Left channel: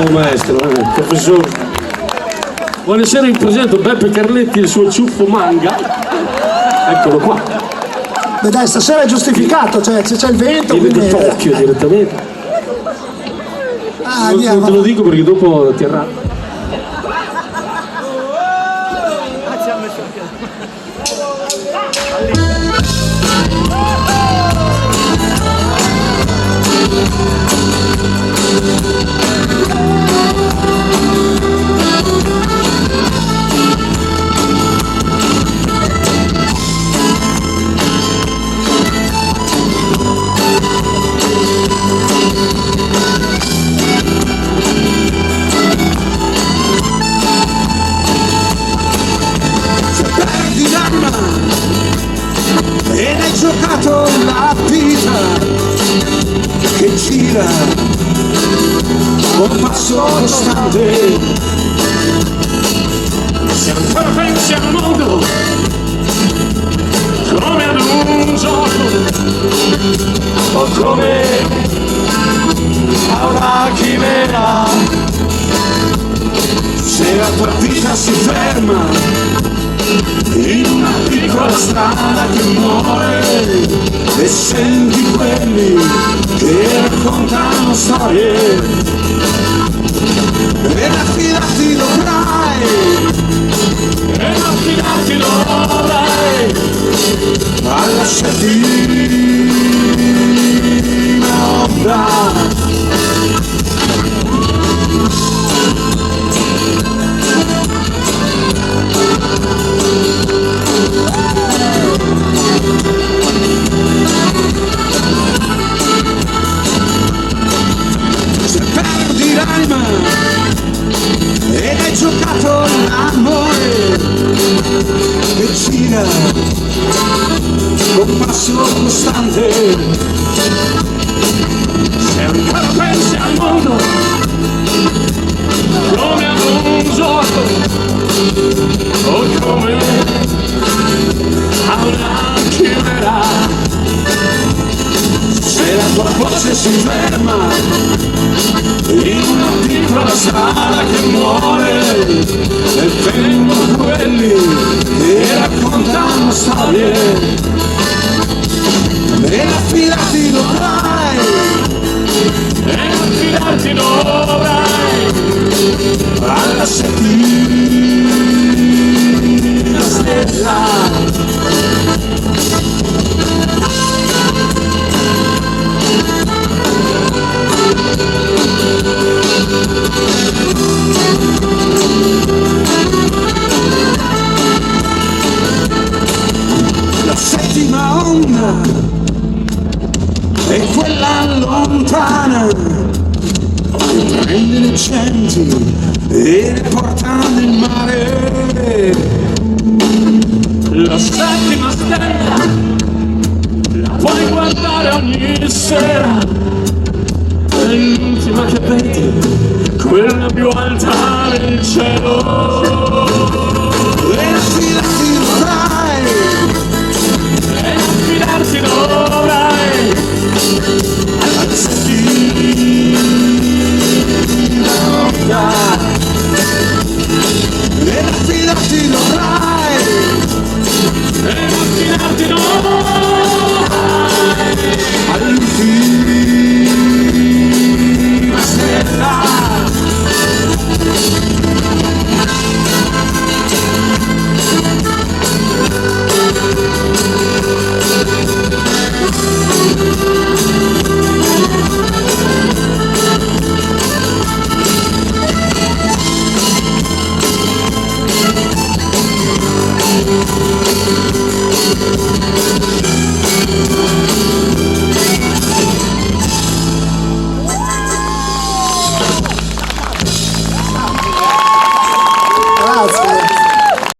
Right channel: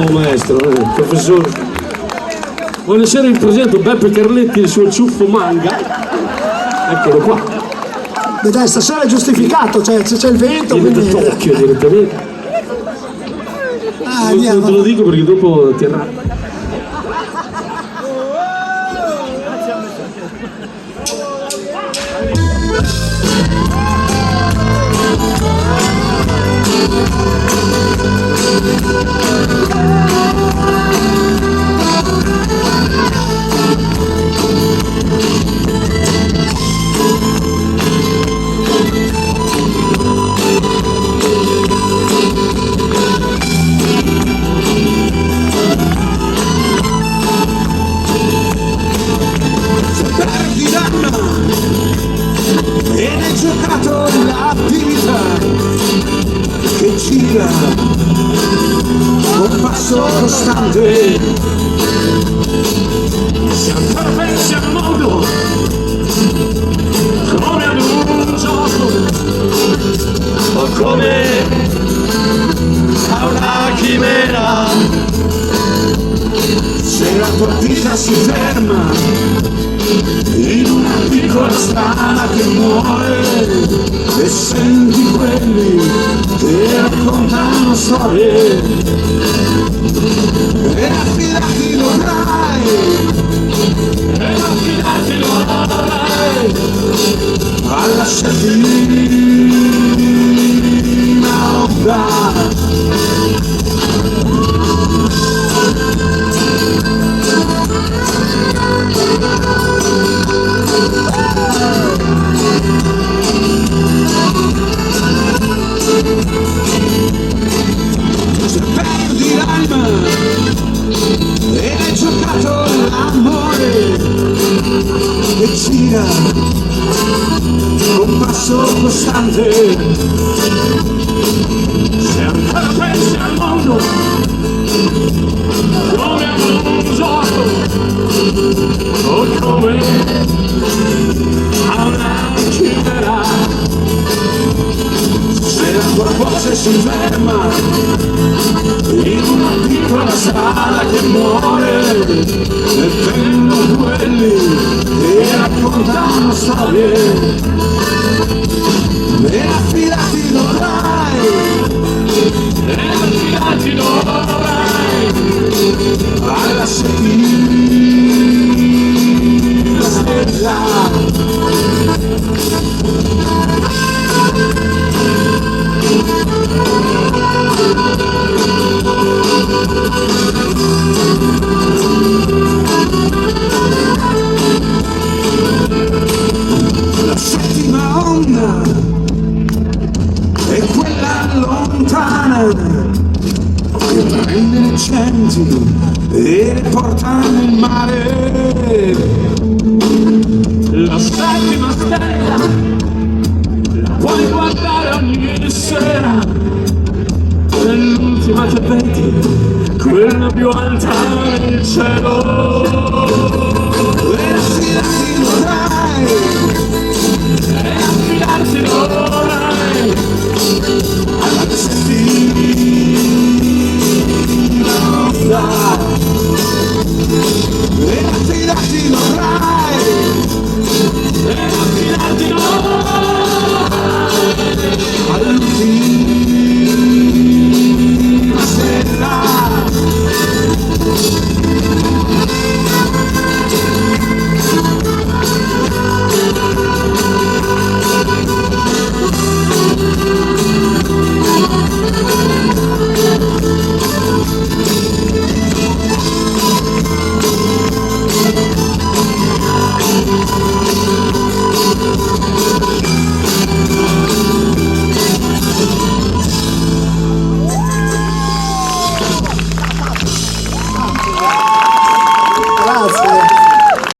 Bravo maestro, professore. Buonasera, in presento Beppe Carletti e il suo ciuffo manga. Eccolo qua. Beh dai, stasera è giustificato, cioè se c'è il vento, Viene quindi... da Tokyo direttamente. Ah, Non te lo dico perché dopo ti arrabbi. Ed hai giocato la vita che gira con passo costante. Se ancora pensi al mondo come ad un gioco o come a una chimera, se la tua vita si ferma in una piccola strada che muore e senti quelli che raccontano storie e affidarti dovrai, alla sciatina ombra. E hai giocato l'amore che gira con passo costante. Se ancora pensi al mondo come a un gioco o come a una chimera, se la tua voce si ferma in una piccola strada che muore e vengono quelli che raccontano storie e affidarti dovrai alla settimana stella. La settima onda è quella lontana che prende le genti e le porta nel mare. La settima stella la puoi guardare ogni sera, è l'ultima che vedi, quella più alta nel cielo.